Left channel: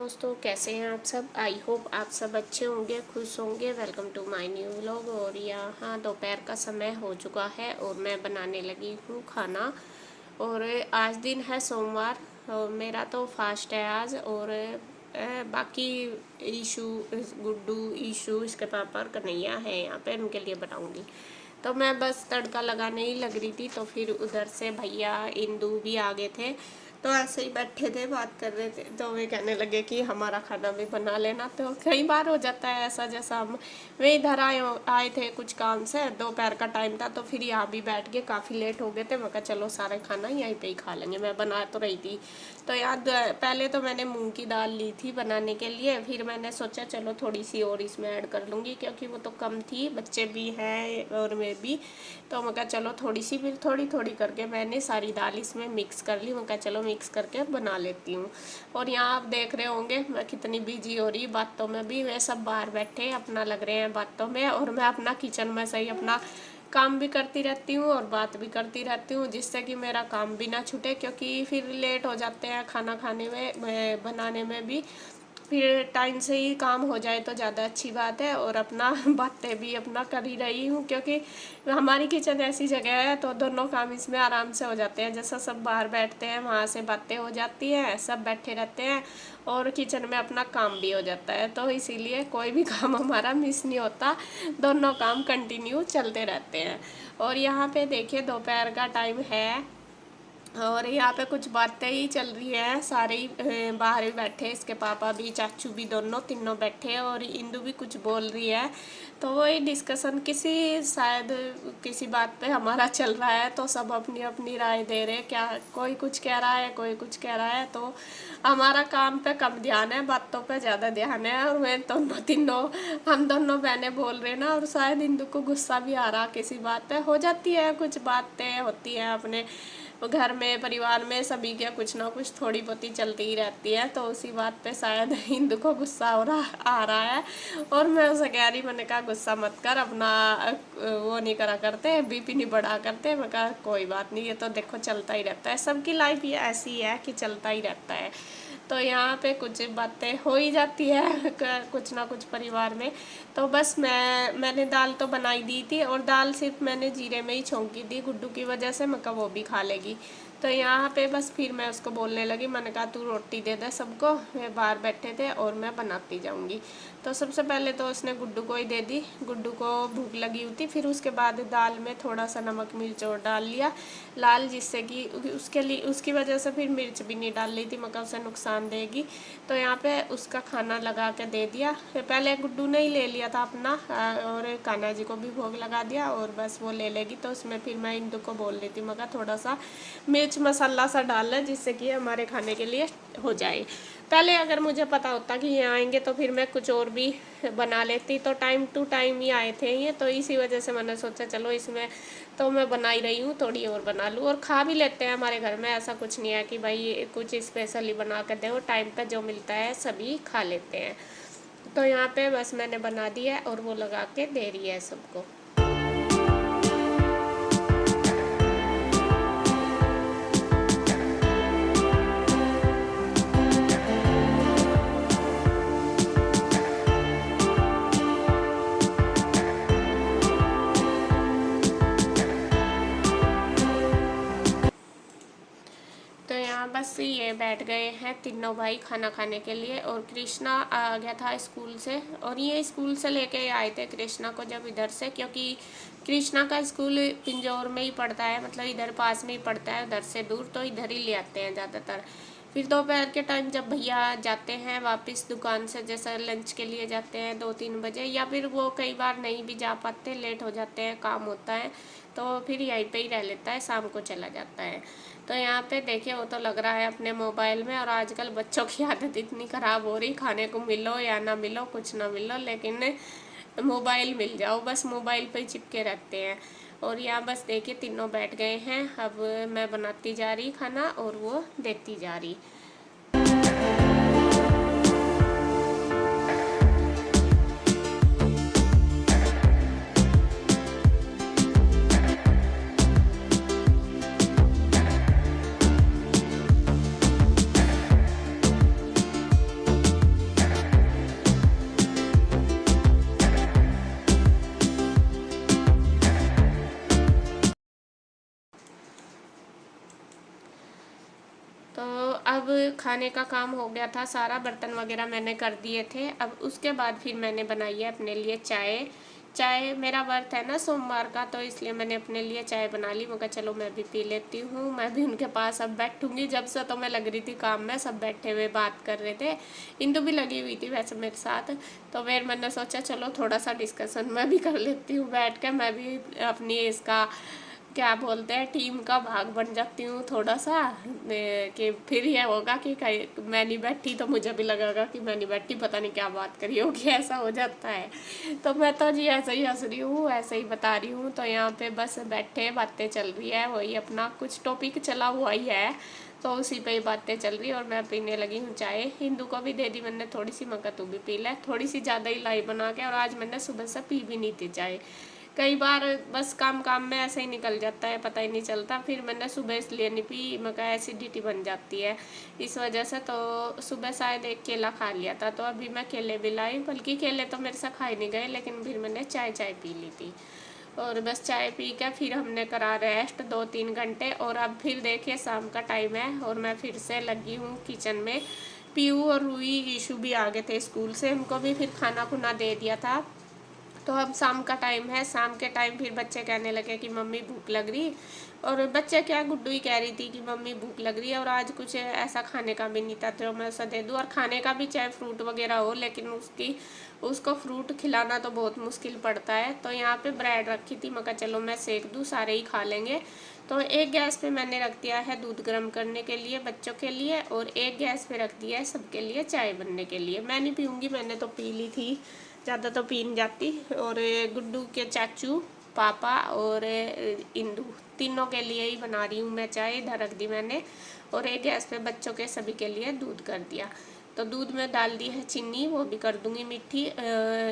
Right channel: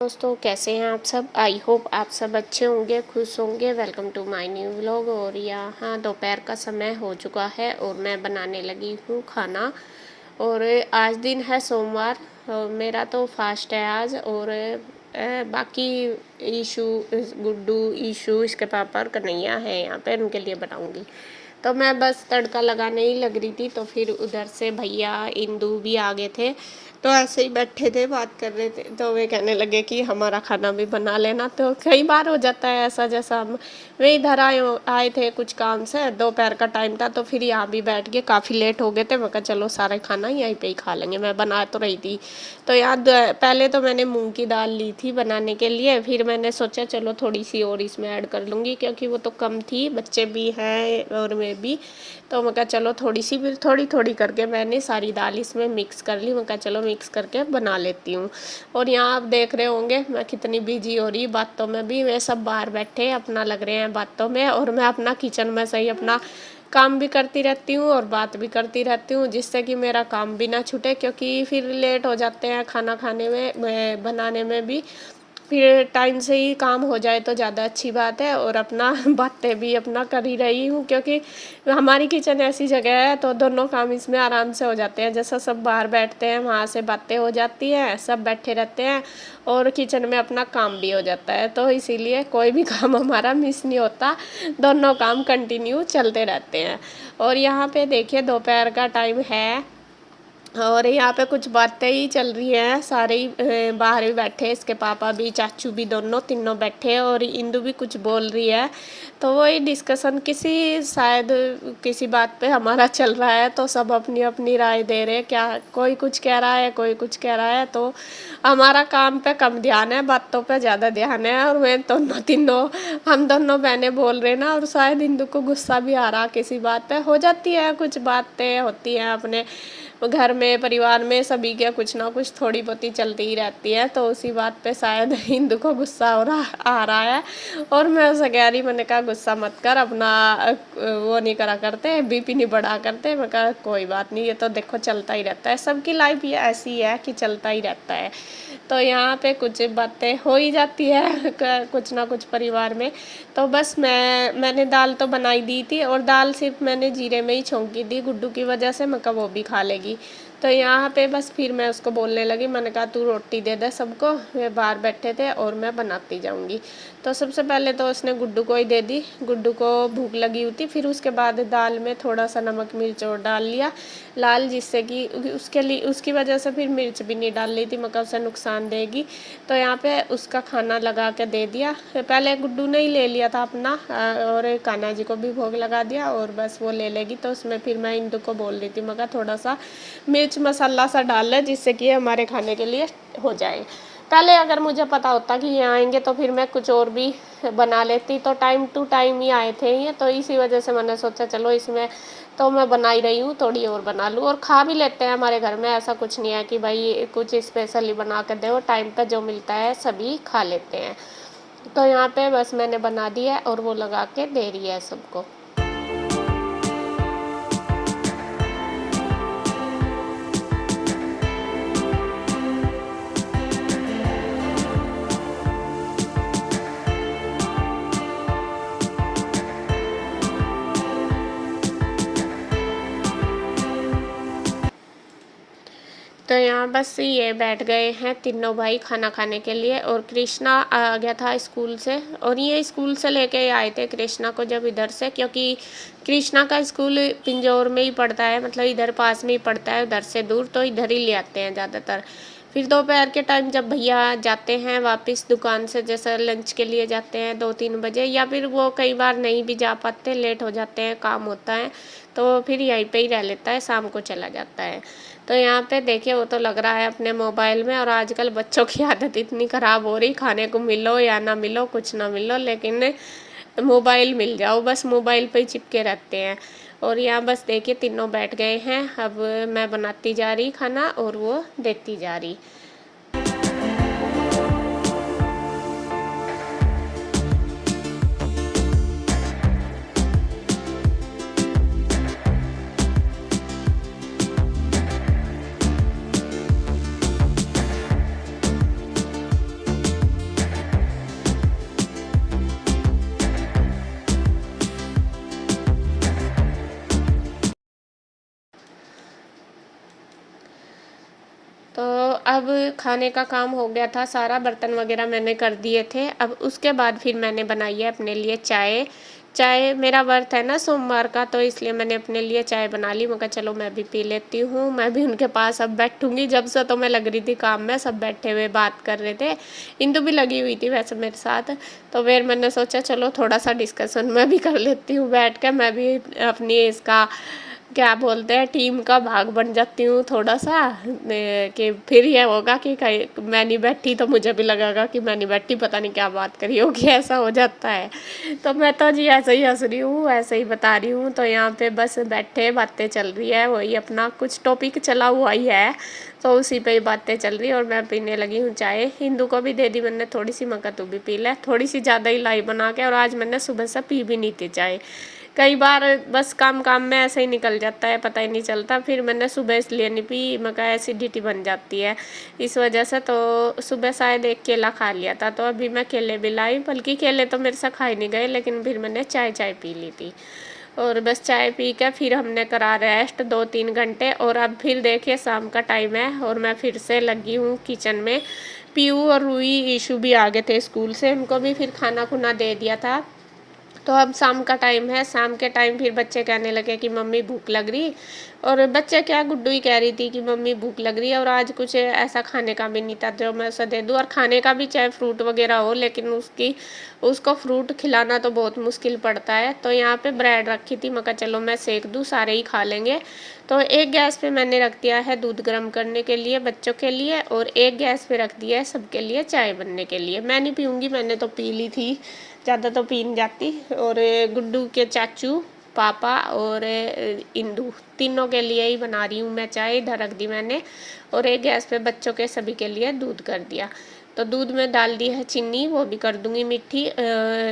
दोस्तों, कैसे हैं आप सब। आई होप आप सब अच्छे होंगे, खुश होंगे। Welcome to my new vlog. और यहाँ दोपहर का समय हो चुका है और मैं बनाने लगी हूँ खाना। और आज दिन है सोमवार और मेरा तो फास्ट है आज। और बाकी ईशू, गुड्डू, ईशू, इसके पापा और कन्हैया है यहाँ पे, उनके लिए बनाऊँगी। तो मैं बस तड़का लगाने ही लग रही थी, तो फिर उधर से भैया इंदू भी आ गए थे। तो ऐसे ही बैठे थे, बात कर रहे थे, तो वे कहने लगे कि हमारा खाना भी बना लेना। तो कई बार हो जाता है ऐसा, जैसा हम वे इधर आए थे कुछ काम से, दोपहर का टाइम था, तो फिर यहाँ भी बैठ गए। काफ़ी लेट हो गए थे, मैं कहा चलो सारा खाना यहीं पे ही खा लेंगे। मैं बना तो रही थी। तो यहाँ पहले तो मैंने मूंग की दाल ली थी बनाने के लिए, फिर मैंने सोचा चलो थोड़ी सी और इसमें ऐड कर लूँगी, क्योंकि वो तो कम थी, बच्चे भी हैं और मैं भी। तो मैं कहा चलो थोड़ी सी, फिर थोड़ी थोड़ी करके मैंने सारी दाल इसमें मिक्स कर ली। मैं कहा चलो मिक्स करके बना लेती हूँ। और यहाँ आप देख रहे होंगे मैं कितनी बिजी हो रही बातों में भी। वे सब बाहर बैठे अपना लग रहे हैं बातों में, और मैं अपना किचन में सही अपना काम भी करती रहती हूँ और बात भी करती रहती हूँ, जिससे कि मेरा काम भी ना छूटे। क्योंकि फिर लेट हो जाते हैं खाना खाने में, बनाने में भी। फिर टाइम से ही काम हो जाए तो ज़्यादा अच्छी बात है। और अपना बातें भी अपना कर ही रही हूँ, क्योंकि हमारी किचन ऐसी जगह है तो दोनों काम इसमें आराम से हो जाते हैं। जैसा सब बाहर बैठते हैं वहाँ से बातें हो जाती हैं, सब बैठे रहते हैं और किचन में अपना काम भी हो जाता है। तो इसीलिए कोई भी काम हमारा मिस नहीं होता, दोनों काम कंटिन्यू चलते रहते हैं। और यहाँ पे देखिए दोपहर का टाइम है और यहाँ पे कुछ बातें ही चल रही हैं। सारे ही बाहर ही बैठे, इसके पापा भी, चाचू भी, दोनों तीनों बैठे, और इंदु भी कुछ बोल रही है। तो वही डिस्कशन शायद किसी बात पे हमारा चल रहा है। तो सब अपनी अपनी राय दे रहे हैं, क्या कोई कुछ कह रहा है, कोई कुछ कह रहा है। तो हमारा काम पे कम ध्यान है, बातों पे ज़्यादा ध्यान है। और वे दोनों तीनों, हम दोनों बहनें बोल रहे ना, और शायद इंदु को गुस्सा भी आ रहा किसी बात पे। हो जाती है, कुछ बातें होती हैं अपने घर में, परिवार में, सभी के कुछ ना कुछ थोड़ी बहुत ही चलती ही रहती है। तो उसी बात पे शायद इंदु को गुस्सा आ रहा है। और मैं उसे कह रही, मैंने कहा गुस्सा मत कर, अपना वो नहीं करा करते, बीपी नहीं बढ़ा करते। मैं कहा कोई बात नहीं, ये तो देखो चलता ही रहता है, सबकी लाइफ ये ऐसी है कि चलता ही रहता है। तो यहाँ पे कुछ बातें हो ही जाती है कुछ ना कुछ परिवार में। तो बस मैंने दाल तो बनाई दी थी, और दाल सिर्फ मैंने जीरे में ही छौंकी दी गुड्डू की वजह से। मैं कहा वो भी खा लेगी। तो यहाँ पे बस फिर मैं उसको बोलने लगी, मैंने कहा तू रोटी दे दे सबको, वे बाहर बैठे थे और मैं बनाती जाऊँगी। तो सबसे पहले तो उसने गुड्डू को ही दे दी, गुड्डू को भूख लगी हुई थी। फिर उसके बाद दाल में थोड़ा सा नमक मिर्च और डाल लिया लाल, जिससे कि उसकी वजह से फिर मिर्च भी नहीं डाल रही थी, मगर उसे नुकसान देगी। तो यहाँ पे उसका खाना लगा के दे दिया। पहले गुड्डू ने ही ले लिया था अपना, और कान्हा जी को भी भोग लगा दिया, और बस वो ले लेगी। तो उसमें फिर मैं इंदु को बोल रही थी, मगर थोड़ा सा मिर्च मसाला सा डाल ले, जिससे कि हमारे खाने के लिए हो जाए। पहले अगर मुझे पता होता कि ये आएंगे तो फिर मैं कुछ और भी बना लेती। तो टाइम टू टाइम ही आए थे ये, तो इसी वजह से मैंने सोचा चलो इसमें तो मैं बना ही रही हूँ, थोड़ी और बना लूँ। और खा भी लेते हैं हमारे घर में, ऐसा कुछ नहीं है कि भाई कुछ स्पेशली बना कर दो। टाइम पे जो मिलता है सभी खा लेते हैं। तो यहाँ पे बस मैंने बना दिया है और वो लगा के दे रही है सबको। तो यहाँ बस ये बैठ गए हैं तीनों भाई खाना खाने के लिए। और कृष्णा आ गया था स्कूल से, और ये स्कूल से लेके आए थे कृष्णा को जब इधर से, क्योंकि कृष्णा का स्कूल पिंजौर में ही पड़ता है, मतलब इधर पास में ही पड़ता है, उधर से दूर। तो इधर ही ले आते हैं ज़्यादातर। फिर दोपहर के टाइम जब भैया जाते हैं वापस दुकान से, जैसे लंच के लिए जाते हैं 2-3 बजे, या फिर वो कई बार नहीं भी जा पाते, लेट हो जाते हैं, काम होता है, तो फिर यहीं पे ही रह लेता है, शाम को चला जाता है। तो यहाँ पे देखिए वो तो लग रहा है अपने मोबाइल में। और आजकल बच्चों की आदत इतनी ख़राब हो रही, खाने को मिलो या ना मिलो, कुछ ना मिलो, लेकिन मोबाइल मिल जाओ, बस मोबाइल पे ही चिपके रहते हैं। और यहाँ बस देखिए तीनों बैठ गए हैं, अब मैं बनाती जा रही खाना और वो देती जा रही। खाने का काम हो गया था सारा, बर्तन वगैरह मैंने कर दिए थे। अब उसके बाद फिर मैंने बनाई है अपने लिए चाय। चाय मेरा व्रत है ना सोमवार का, तो इसलिए मैंने अपने लिए चाय बना ली। मैं कहा चलो मैं भी पी लेती हूँ, मैं भी उनके पास अब बैठूंगी। जब से तो मैं लग रही थी काम में, सब बैठे हुए बात कर रहे थे, इंदु भी लगी हुई थी वैसे मेरे साथ। तो फिर मैंने सोचा चलो थोड़ा सा डिस्कशन मैं भी कर लेती हूँ बैठ के, मैं भी अपनी इसका क्या बोलते हैं टीम का भाग बन जाती हूँ थोड़ा सा। कि फिर ये होगा कि कहीं मैं नहीं बैठी तो मुझे भी लगेगा कि मैं नहीं बैठी, पता नहीं क्या बात करी होगी, ऐसा हो जाता है। तो मैं तो जी ऐसे ही हंस रही हूँ, ऐसे ही बता रही हूँ। तो यहाँ पे बस बैठे बातें चल रही है, वही अपना कुछ टॉपिक चला हुआ ही है, तो उसी पे ही बातें चल रही है। और मैं पीने लगी हूँ चाय। हिंदू को भी दे दी मैंने थोड़ी सी, मगर तू भी पी ले, थोड़ी सी ज़्यादा ही लाई बना के। और आज मैंने सुबह से पी भी नहीं थी चाय, कई बार बस काम काम में ऐसे ही निकल जाता है, पता ही नहीं चलता। फिर मैंने सुबह इसलिए नहीं पी, मगर एसिडिटी बन जाती है इस वजह से। तो सुबह शायद एक केला खा लिया था, तो अभी मैं केले भी लाई, बल्कि केले तो मेरे से खाए नहीं गए, लेकिन फिर मैंने चाय चाय पी ली थी। और बस चाय पी के फिर हमने करा रेस्ट 2-3 घंटे। और अब फिर देखिए शाम का टाइम है और मैं फिर से लगी हूँ किचन में। पीयू और रूई ईशू भी आ गए थे स्कूल से, उनको भी फिर खाना खुना दे दिया था। तो अब शाम का टाइम है, शाम के टाइम फिर बच्चे कहने लगे कि मम्मी भूख लग रही। और बच्चे क्या, गुड्डू ही कह रही थी कि मम्मी भूख लग रही है। और आज कुछ ऐसा खाने का भी नहीं था जो मैं उसे दे दूँ, और खाने का भी चाहे फ्रूट वगैरह हो, लेकिन उसको फ्रूट खिलाना तो बहुत मुश्किल पड़ता है। तो यहाँ पे ब्रेड रखी थी, मैं कहा चलो मैं सेक दूँ, सारे ही खा लेंगे। तो एक गैस पे मैंने रख दिया है दूध गर्म करने के लिए बच्चों के लिए, और एक गैस पे रख दिया है सबके लिए चाय बनने के लिए। मैं नहीं पीऊँगी, मैंने तो पी ली थी, ज़्यादा तो पी नहीं जाती। और गुड्डू के चाचू, पापा और इंदू, तीनों के लिए ही बना रही हूँ मैं चाय। इधर रख दी मैंने, और एक गैस पे बच्चों के सभी के लिए दूध कर दिया। तो दूध में डाल दी है चीनी, वो भी कर दूँगी मीठी,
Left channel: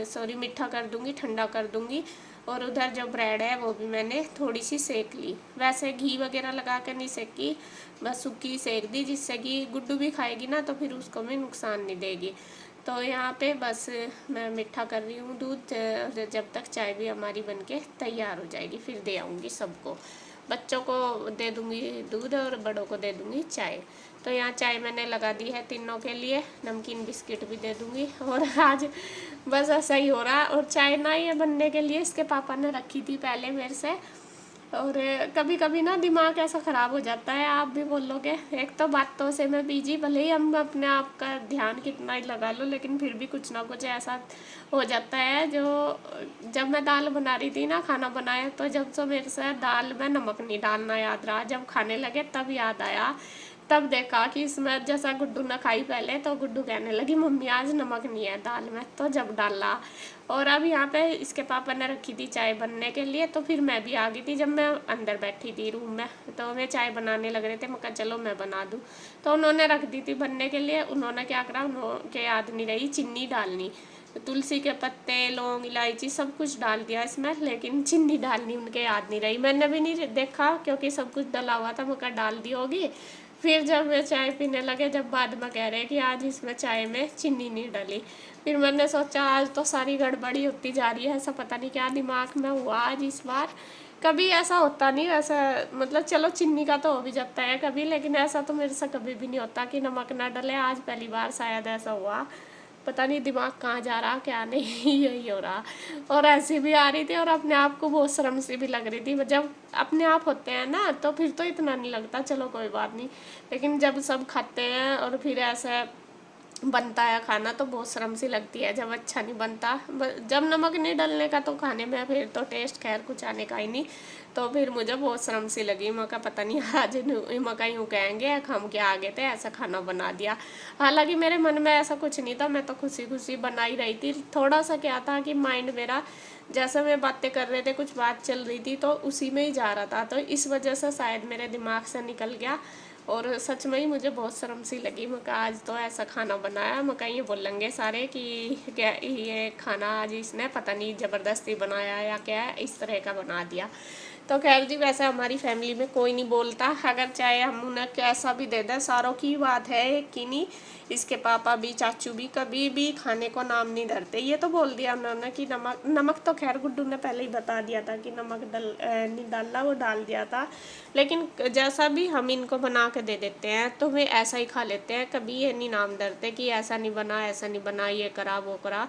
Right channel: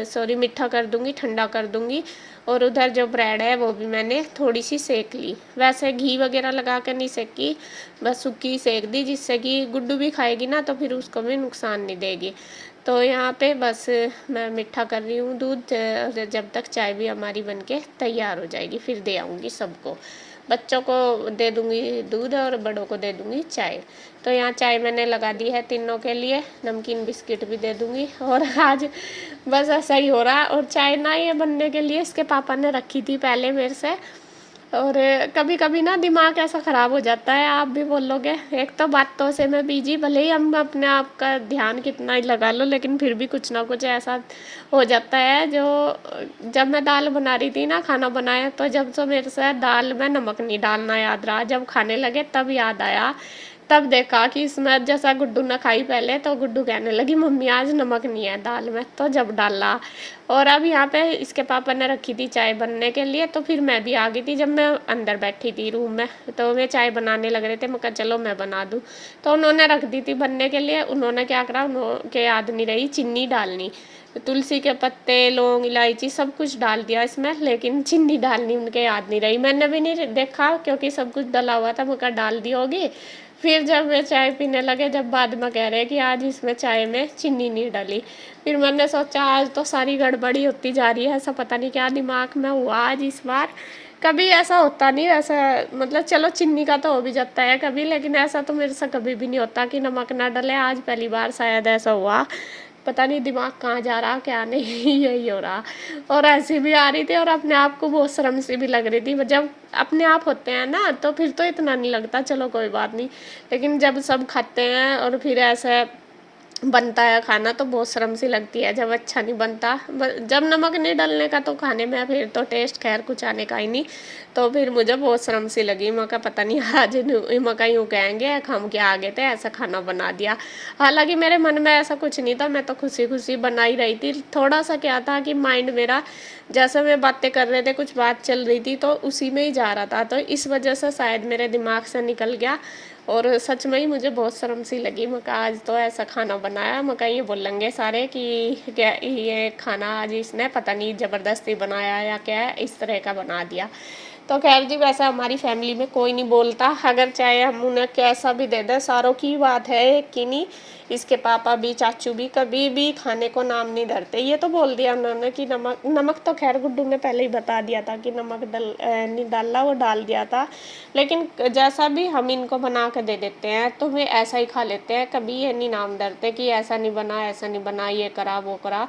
सॉरी मीठा कर दूँगी, ठंडा कर दूँगी। और उधर जो ब्रेड है वो भी मैंने थोड़ी सी सेक ली, वैसे घी वगैरह लगा कर नहीं सेकी, बस सूखी सेक दी, जिससे कि गुड्डू भी खाएगी ना तो फिर उसको भी नुकसान नहीं देगी। तो यहाँ पे बस मैं मीठा कर रही हूँ दूध, जब तक चाय भी हमारी बनके तैयार हो जाएगी फिर दे आऊँगी सबको। बच्चों को दे दूँगी दूध और बड़ों को दे दूँगी चाय। तो यहाँ चाय मैंने लगा दी है तीनों के लिए, नमकीन बिस्किट भी दे दूँगी। और आज बस ऐसा ही हो रहा। और चाय ना ये बनने के लिए इसके पापा ने रखी थी पहले मेरे से। और कभी कभी ना दिमाग ऐसा ख़राब हो जाता है, आप भी बोलोगे। एक तो बातों से मैं बिजी, भले ही हम अपने आप का ध्यान कितना ही लगा लो, लेकिन फिर भी कुछ ना कुछ ऐसा हो जाता है। जो जब मैं दाल बना रही थी ना, खाना बनाया, तो जब से मेरे से दाल में नमक नहीं डालना याद रहा, जब खाने लगे तब याद आया। तब देखा कि इसमें, जैसा गुड्डू ने खाई पहले, तो गुड्डू कहने लगी मम्मी आज नमक नहीं है दाल में, तो जब डाला। और अब यहाँ पे इसके पापा ने रखी थी चाय बनने के लिए, तो फिर मैं भी आ गई थी जब मैं अंदर बैठी थी रूम में। तो वे चाय बनाने लग रहे थे, मैं कहा चलो मैं बना दूँ। तो उन्होंने रख दी थी बनने के लिए। उन्होंने क्या करा, उन्होंने याद नहीं रही चीनी डालनी, तुलसी के पत्ते, लौंग, इलायची सब कुछ डाल दिया इसमें, लेकिन चीनी डालनी उनके याद नहीं रही। मैंने भी नहीं देखा क्योंकि सब कुछ डला हुआ था, मैं कहा डाल दी होगी। फिर जब वे चाय पीने लगे, जब बाद में कह रहे कि आज इसमें चाय में चीनी नहीं डली, फिर मैंने सोचा आज तो सारी गड़बड़ी होती जा रही है, ऐसा पता नहीं क्या दिमाग में हुआ आज इस बार। कभी ऐसा होता नहीं, ऐसा मतलब चलो चीनी का तो हो भी जाता है कभी, लेकिन ऐसा तो मेरे से कभी भी नहीं होता कि नमक ना डले। आज पहली बार शायद ऐसा हुआ, पता नहीं दिमाग कहाँ जा रहा क्या नहीं यही हो रहा। और ऐसी भी आ रही थी, और अपने आप को बहुत शर्म सी भी लग रही थी। जब अपने आप होते हैं ना तो फिर तो इतना नहीं लगता, चलो कोई बात नहीं, लेकिन जब सब खाते हैं और फिर ऐसा बनता है खाना तो बहुत शर्म सी लगती है जब अच्छा नहीं बनता। जब नमक नहीं डलने का तो खाने में फिर तो टेस्ट खैर कुछ आने का ही नहीं। तो फिर मुझे बहुत शर्म सी लगी, मैं कहा पता नहीं आज मका यूँ कहेंगे हम क्या आ गए थे ऐसा खाना बना दिया। हालांकि मेरे मन में ऐसा कुछ नहीं था, मैं तो खुशी खुशी बना ही रही थी। थोड़ा सा क्या था कि माइंड मेरा, जैसे मैं बातें कर रहे थे कुछ बात चल रही थी तो उसी में ही जा रहा था, तो इस वजह से शायद मेरे दिमाग से निकल गया। और सच में ही मुझे बहुत शर्म सी लगी, मैं कहा आज तो ऐसा खाना बनाया, मैं कहा ये बोलेंगे सारे कि क्या ये खाना आज इसने पता नहीं ज़बरदस्ती बनाया या क्या है, इस तरह का बना दिया। तो खैर जी, वैसे हमारी फैमिली में कोई नहीं बोलता, अगर चाहे हम उन्हें कैसा भी दे दें। सारों की बात है कि नहीं, इसके पापा भी चाचू भी कभी भी खाने को नाम नहीं धरते। ये तो बोल दिया उन्होंने कि नमक, नमक तो खैर गुड्डू ने पहले ही बता दिया था कि नमक नहीं डालना, वो डाल दिया था। लेकिन जैसा भी हम इनको बना के दे देते हैं तो वे ऐसा ही खा लेते हैं, कभी ये नहीं नाम धरते कि ऐसा नहीं बना, ऐसा नहीं बना, ये करा वो करा।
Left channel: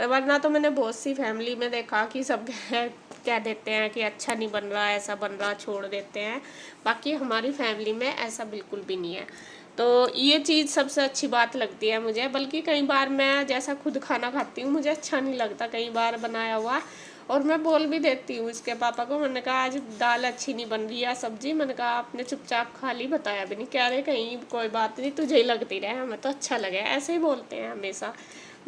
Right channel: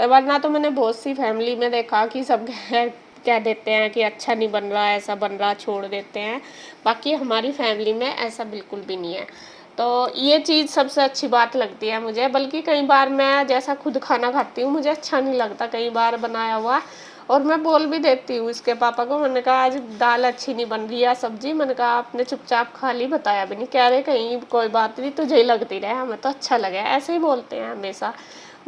वरना तो मैंने बहुत सी फैमिली में देखा कि सब कह देते हैं कि अच्छा नहीं बन रहा, ऐसा बन रहा, छोड़ देते हैं। बाकी हमारी फैमिली में ऐसा बिल्कुल भी नहीं है। तो ये चीज़ सबसे अच्छी बात लगती है मुझे। बल्कि कई बार मैं जैसा खुद खाना खाती हूँ, मुझे अच्छा नहीं लगता कई बार बनाया हुआ, और मैं बोल भी देती हूँ इसके पापा को। मैंने कहा आज दाल अच्छी नहीं बन रही या सब्जी, मैंने कहा आपने चुपचाप खा ली, बताया भी नहीं। कह रहे कहीं कोई बात नहीं, तुझे ही लगती रहे, हमें तो अच्छा लगे, ऐसे ही बोलते हैं हमेशा।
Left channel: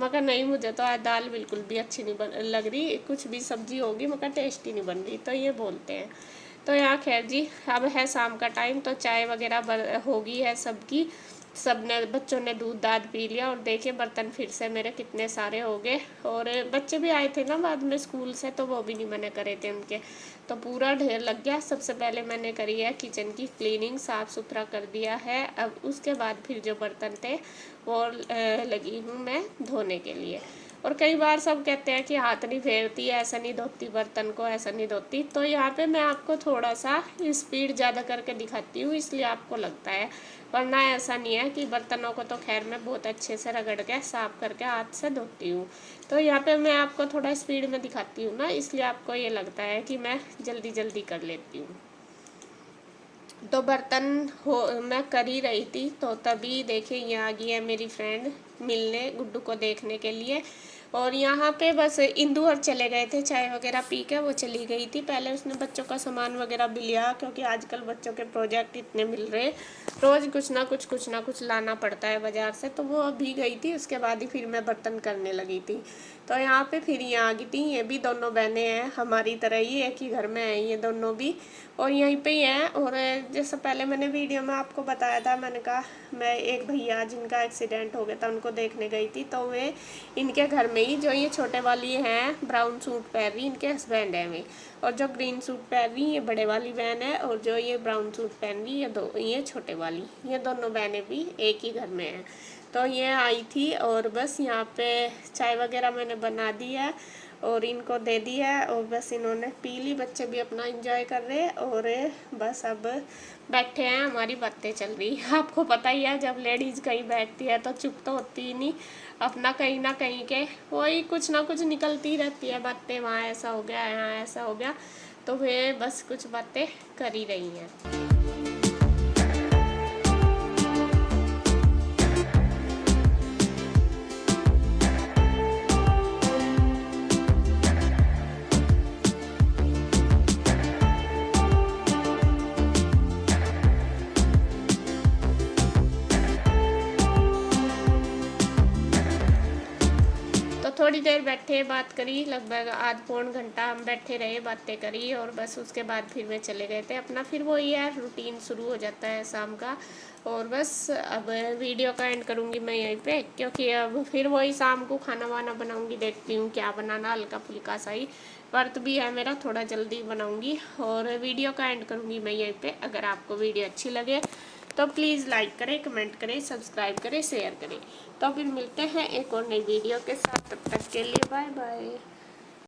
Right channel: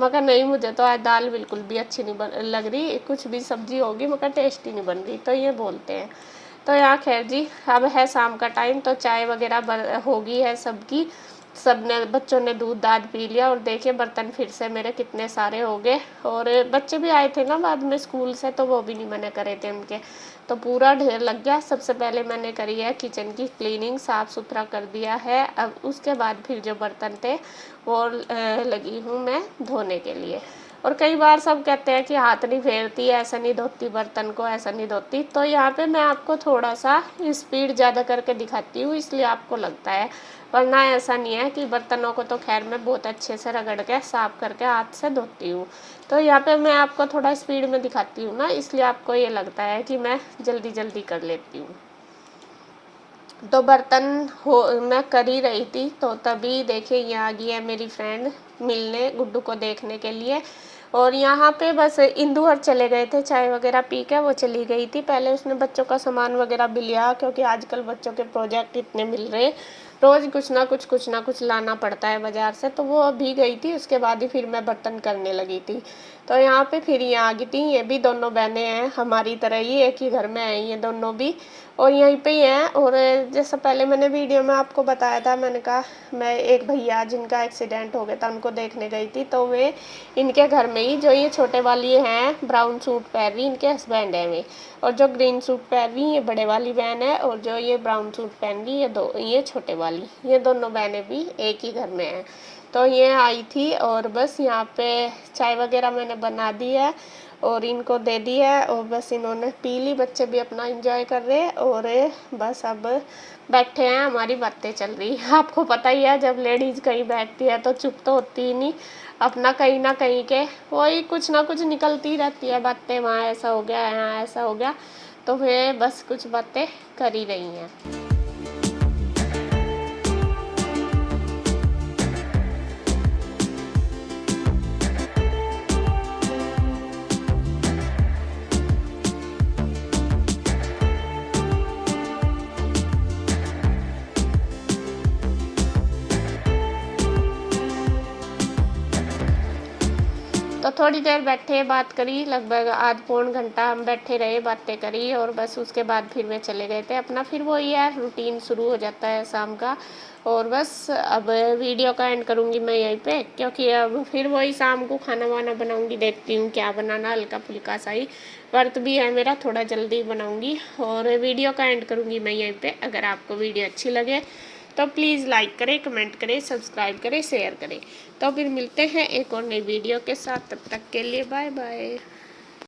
मगर नहीं, मुझे तो आज दाल बिल्कुल भी अच्छी नहीं लग रही, कुछ भी सब्जी होगी मगर टेस्टी नहीं बन रही, तो ये बोलते हैं। तो यहाँ खैर जी, अब है शाम का टाइम, तो चाय वगैरह होगी है सबकी। सबने, बच्चों ने दूध दाद पी लिया, और देखिए बर्तन फिर से मेरे कितने सारे हो गए। और बच्चे भी आए थे ना बाद में स्कूल से, तो वो भी नहीं मैंने करे थे उनके, तो पूरा ढेर लग गया। सबसे पहले मैंने करी है किचन की क्लीनिंग, साफ़ सुथरा कर दिया है। अब उसके बाद फिर जो बर्तन थे वो लगी हूँ मैं धोने के लिए। और कई बार सब कहते हैं कि हाथ नहीं फेरती, ऐसा नहीं धोती बर्तन को, ऐसा नहीं धोती। तो यहाँ पे मैं आपको थोड़ा सा स्पीड ज़्यादा करके दिखाती हूँ, इसलिए आपको लगता है, वरना ऐसा नहीं है। कि बर्तनों को तो खैर मैं बहुत अच्छे से रगड़ के साफ़ करके हाथ से धोती हूँ। तो यहाँ पे मैं आपको थोड़ा स्पीड में दिखाती हूँ ना, इसलिए आपको ये लगता है कि मैं जल्दी जल्दी कर लेती हूँ। तो बर्तन मैं कर ही रही थी, तो तभी देखिए ये आ गई है मेरी फ्रेंड मिलने, गुड्डू को देखने के लिए। और यहाँ पे बस इंदु और चले गए थे, चाय वगैरह पी के वो चली गई थी। पहले उसने बच्चों का सामान वगैरह भी लिया, क्योंकि आजकल बच्चों के प्रोजेक्ट इतने मिल रहे, रोज़ कुछ ना कुछ लाना पड़ता है बाज़ार से। तो वो अभी गई थी, उसके बाद ही फिर मैं बर्तन करने लगी थी। तो यहाँ पे फिर ये आ गई थी, ये भी दोनों बहनें हैं हमारी तरह ही, एक ही घर में आई ये दोनों भी, और यहीं पे ही हैं। और जैसा पहले मैंने वीडियो में आपको बताया था, मैंने कहा मैं एक भैया जिनका एक्सीडेंट हो गया था उनको देखने गई थी, तो वे इनके घर में ही, जो ये छोटे वाली हैं ब्राउन सूट पहन रही, इनके हस्बैंड हैं वे, और जो ग्रीन सूट पहन रही ये बड़े वाली बहन है, और जो ये ब्राउन सूट पहन रही ये छोटे वाली, ये दोनों बहनें भी एक ही घर में हैं। तो ये आई थी, और बस यहाँ पे चाय वगैरह मैंने बना दी है और इनको दे दी है, और बस इन्होंने पी ली। बच्चे भी अपना एंजॉय कर रहे हैं, और बस अब बैठे हैं, हमारी बातें चल रही है। आपको पता ही है, जब लेडीज़ कहीं बैठती है तो चुप तो होती ही नहीं, अपना कहीं ना कहीं के वही कुछ ना कुछ निकलती रहती है बातें, वहाँ ऐसा हो गया, यहाँ ऐसा हो गया, तो वे बस कुछ बातें कर ही रही हैं। तो थोड़ी देर बैठे, बात करी, लगभग आध पौन घंटा हम बैठे रहे, बातें करी, और बस उसके बाद फिर वे चले गए थे अपना। फिर वही है, रूटीन शुरू हो जाता है शाम का। और बस अब वीडियो का एंड करूँगी मैं यहीं पे, क्योंकि अब फिर वही शाम को खाना वाना बनाऊँगी, देखती हूँ क्या बनाना, हल्का फुल्का सा ही, व्रत भी है मेरा, थोड़ा जल्दी बनाऊँगी। और वीडियो का एंड करूँगी मैं यहीं पर। अगर आपको वीडियो अच्छी लगे तो प्लीज़ लाइक करें, कमेंट करें, सब्सक्राइब करें, शेयर करें। तो फिर मिलते हैं एक और नई वीडियो के साथ, तब तक के लिए बाय बाय।